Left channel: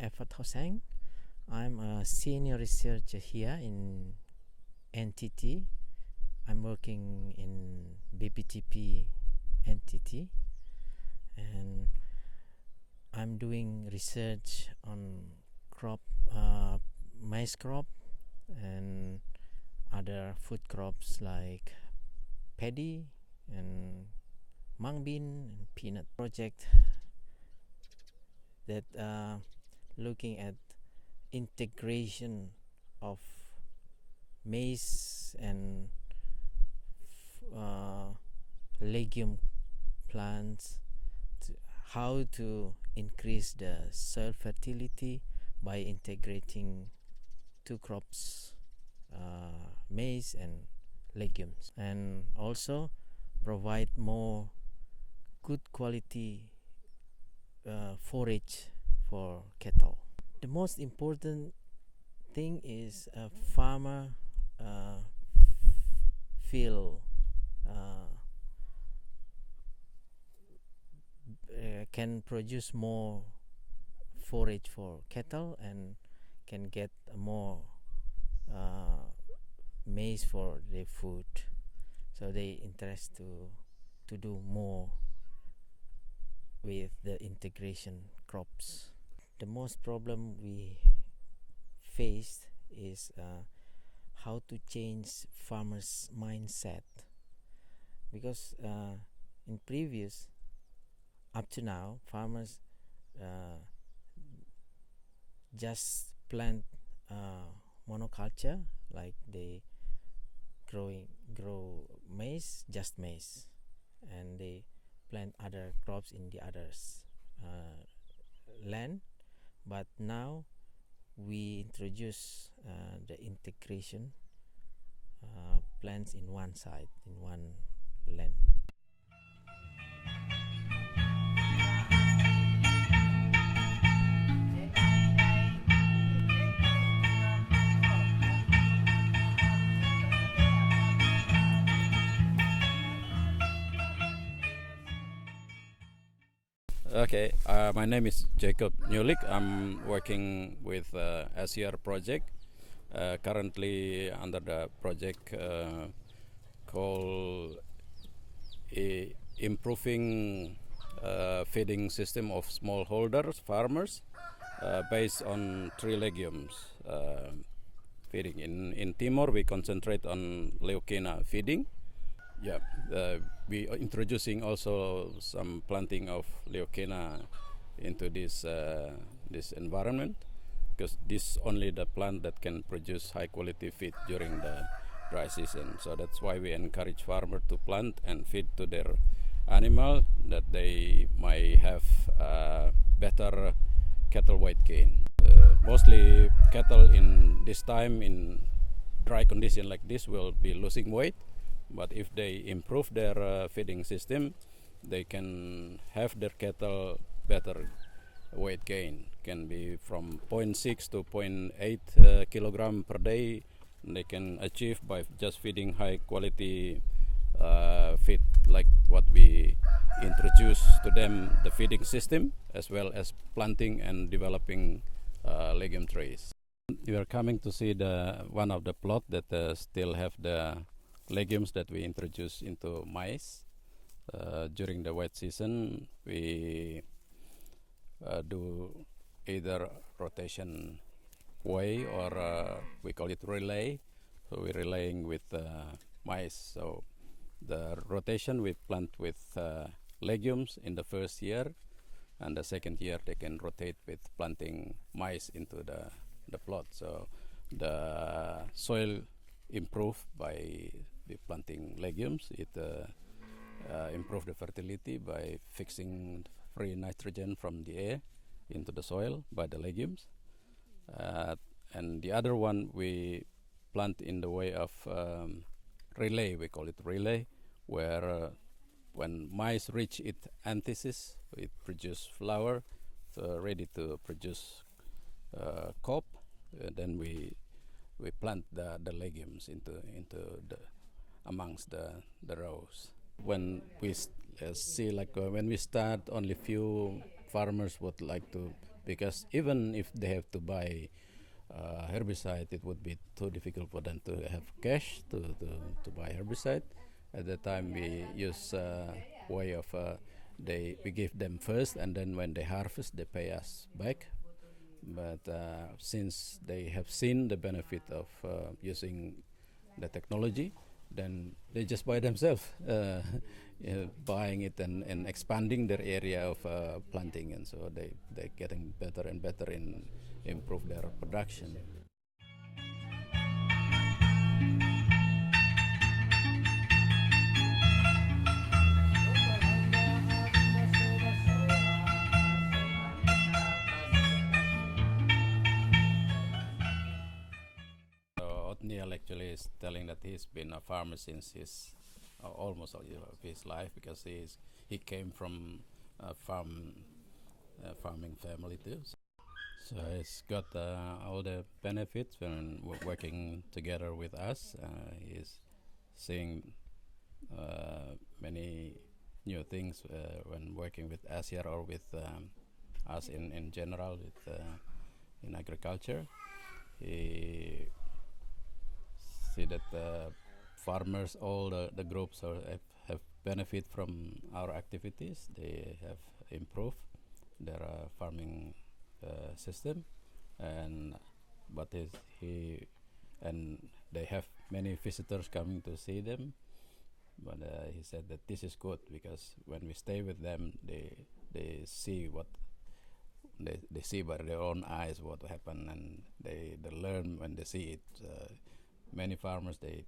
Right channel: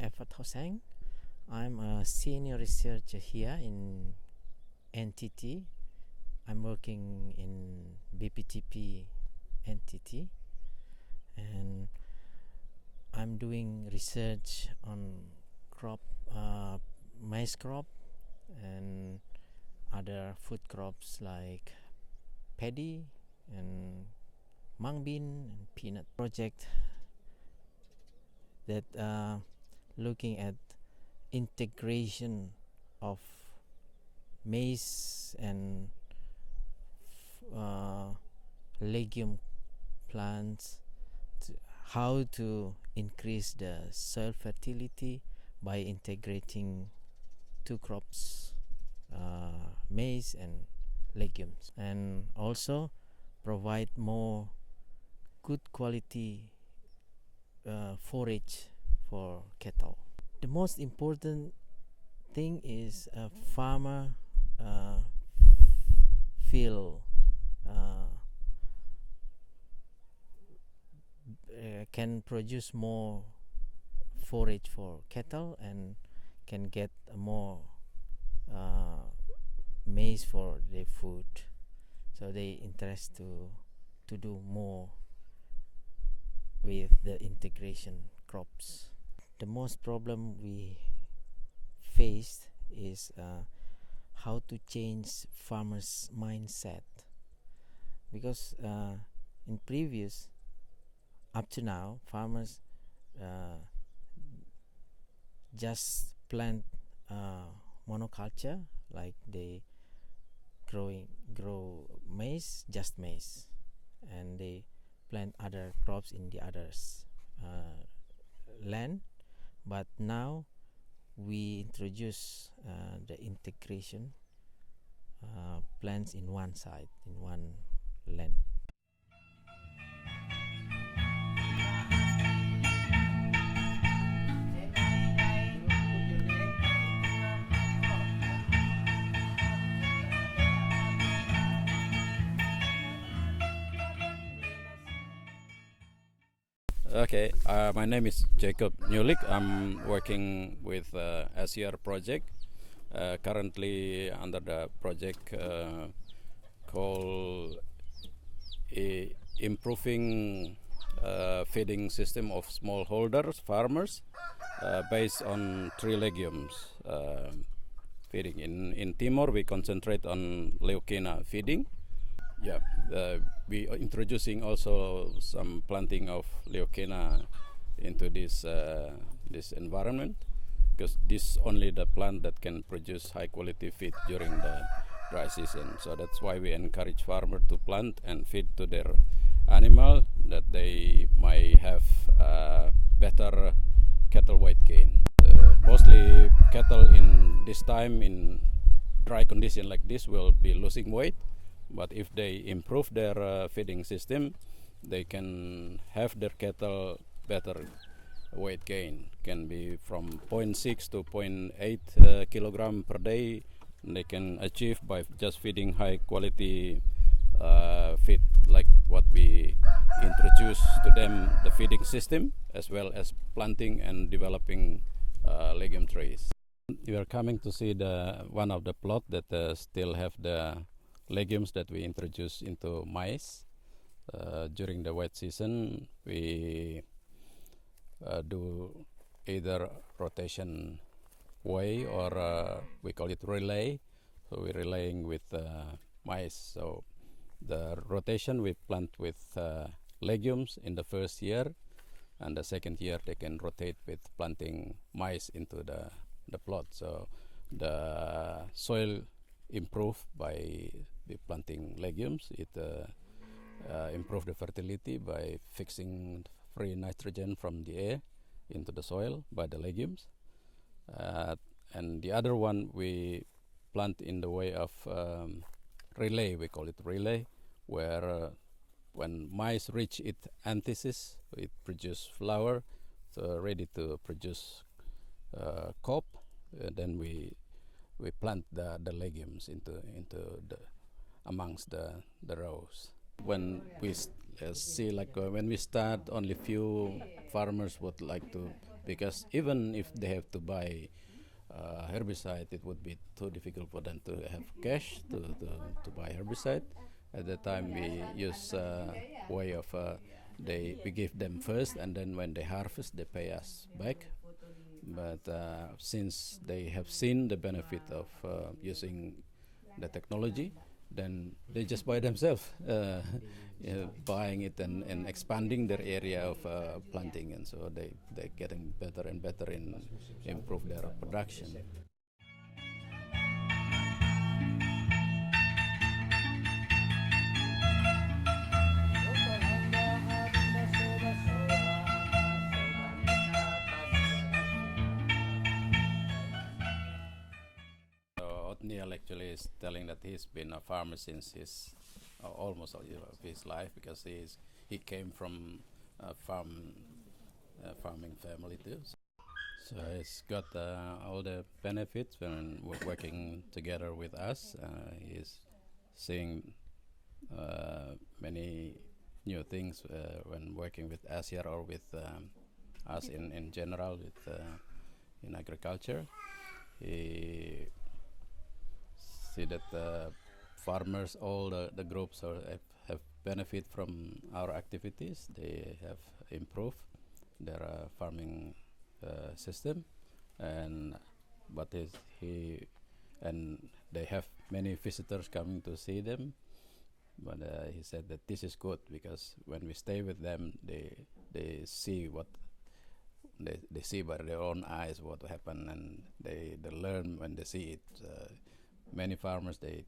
Effort Hoseng. I'm a senior researcher here in NTT. I'm working in BPTP NTT, and I'm doing research on crop, maize crop, and other food crops like paddy and mung bean and peanut. Project that looking at integration of maize and legume plants, how to increase the soil fertility by integrating two crops, maize and legumes, and also provide more good quality forage for cattle. The most important thing is a farmer feel can produce more forage for cattle and can get more maize for their food, so they interest to do more with the integration crops. The most problem we faced is how to change farmers' mindset, because in previous up to now farmers just plant monoculture, like they grow maize, just maize, and they plant other crops in the others land. But now we introduce the integration plants in one side, in one land. Okay, my name is Jacob Newlick. I'm working with ACIAR project, currently under the project called Improving Feeding System of Smallholders Farmers based on 3 legumes feeding. In Timor, we concentrate on Leucaena feeding. Yeah, we are introducing also some planting of Leucaena into this environment, because this only the plant that can produce high quality feed during the dry season. So that's why we encourage farmers to plant and feed to their animal, that they might have better cattle weight gain. Mostly cattle in this time in dry condition like this will be losing weight. But if they improve their feeding system, they can have their cattle better weight gain. Can be from 0.6 to 0.8 kilogram per day. They can achieve by just feeding high quality feed, like what we introduce to them, the feeding system, as well as planting and developing legume trees. We are coming to see one of the plot that still have the legumes that we introduce into maize. During the wet season, we do either rotation way or we call it relay. So we're relaying with maize. So the rotation we plant with legumes in the first year, and the second year they can rotate with planting maize into the plot. So the soil improve by planting legumes. It improve the fertility by fixing free nitrogen from the air into the soil by the legumes. And the other one we plant in the way of relay. We call it relay, where when maize reach its anthesis, it produce flower, so ready to produce cob. Then we plant the legumes into the amongst the rows. When we see, like when we start, only few farmers would like to because even if they have to buy herbicide, it would be too difficult for them to have cash to buy herbicide. At the time, we use way of we give them first, and then when they harvest, they pay us back. But since they have seen the benefit of using the technology, then they just buy themselves, buying it and expanding their area of planting, and so they're getting better and better in improve their production. Othniel actually is telling that he's been a farmer since his almost all of his life, because he came from a farming family too. So he's got all the benefits when working together with us. He's seeing many new things when working with ACIAR or with us in general in agriculture. He see that farmers, all the groups have benefit from our activities. They have improved their farming system, and they have many visitors coming to see them. But he said that this is good, because when we stay with them, they see what they see by their own eyes what happened, and they learn when they see it. Many farmers they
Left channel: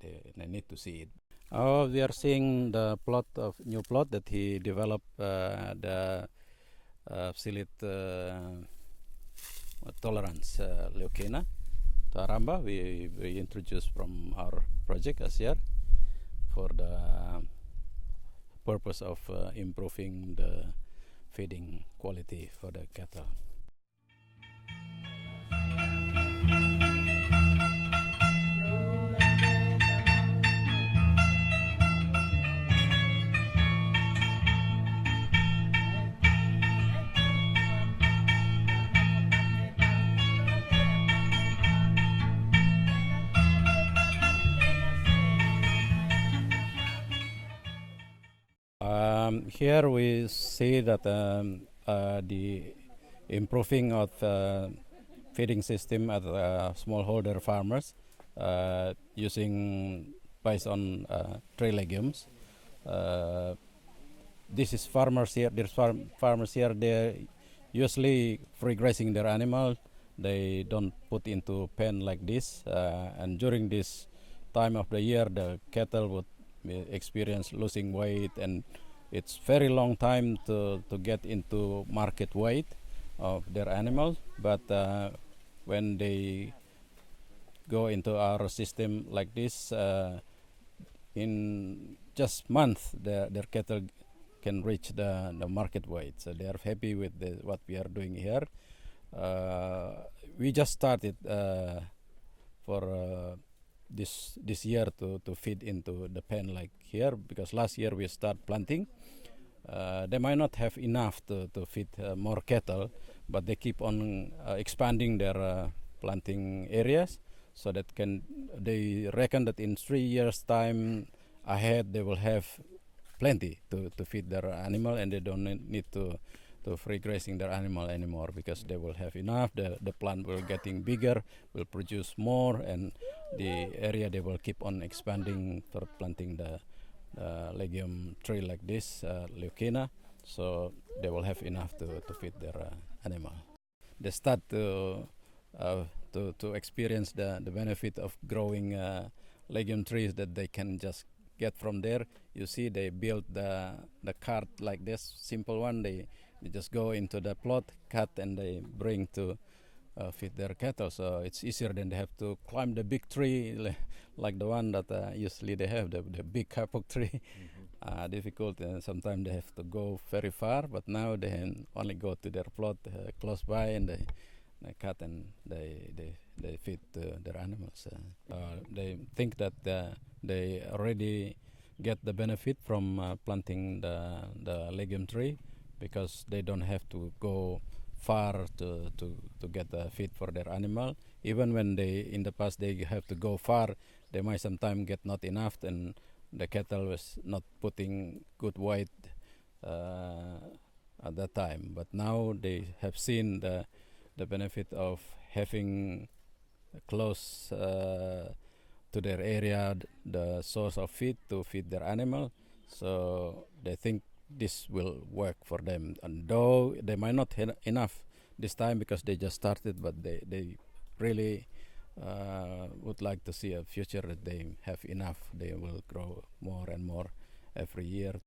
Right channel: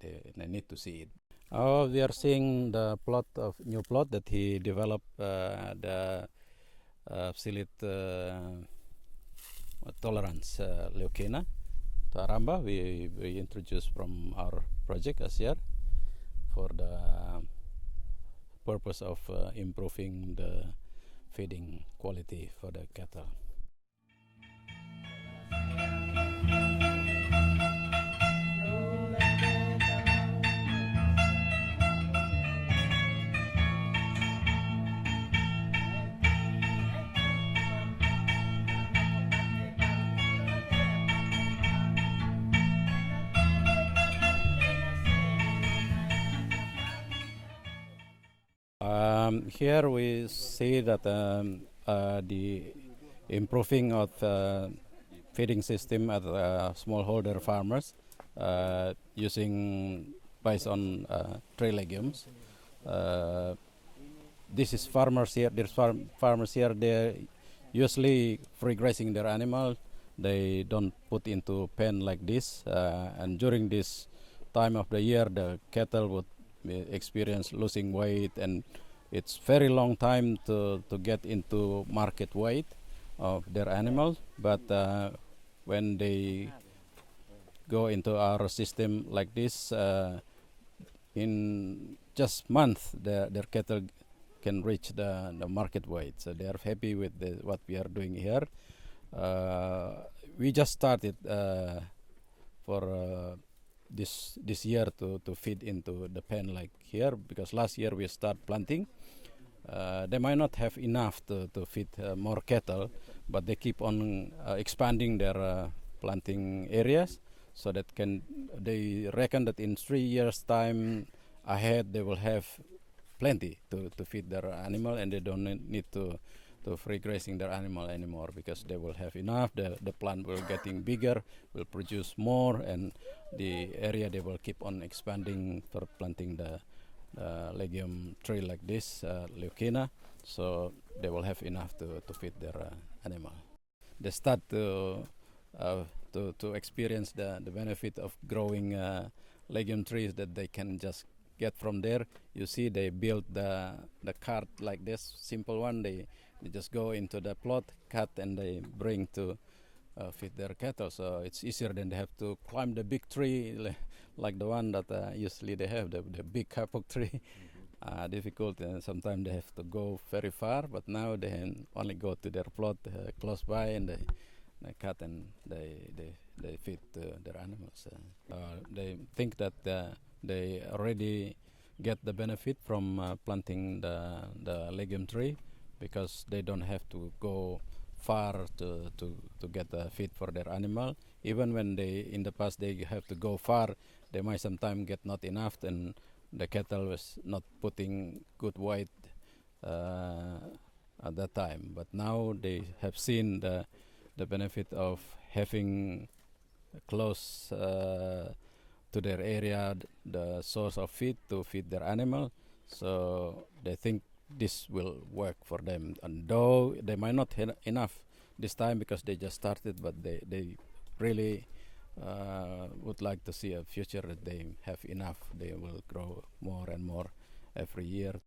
need to see it. Oh, we are seeing the new plot that he developed, the psyllid tolerance Leucaena to Aramba. We introduced from our project ACIAR for the purpose of improving the feeding quality for the cattle. Here we see that the improving of feeding system at smallholder farmers using based on tree legumes. This is farmers here. There's farmers here. They're usually free grazing their animal. They don't put into pen like this. And during this time of the year, the cattle would experience losing weight, and it's very long time to get into market weight of their animals. But when they go into our system like this, in just month, their cattle can reach the market weight. So they are happy with what we are doing here. We just started for this year to feed into the pen like here, because last year we start planting. They might not have enough to feed more cattle, but they keep on expanding their planting areas, so that they reckon that in 3 years time ahead they will have plenty to feed their animal, and they don't need to free grazing their animal anymore, because they will have enough. The plant will getting bigger, will produce more, and the area they will keep on expanding for planting the legume tree like this, Leucaena, so they will have enough to feed their animal. They start to experience the benefit of growing legume trees that they can just get from there. You see, they build the cart like this, simple one. They just go into the plot, cut, and they bring to feed their cattle. So it's easier than they have to climb the big tree like the one that usually they have, the big kapok tree. Difficult, and sometimes they have to go very far. But now they can only go to their plot close by, and they cut and they feed their animals. They think that they already get the benefit from planting the legume tree, because they don't have to go far to get feed for their animal. Even when they in the past they have to go far, they might sometimes get not enough, and the cattle was not putting good weight at that time. But now they have seen the benefit of having close to their area the source of feed to feed their animal, so they think this will work for them. And though they might not have enough this time because they just started, but they really would like to see a future that they have enough. They will grow more and more every year.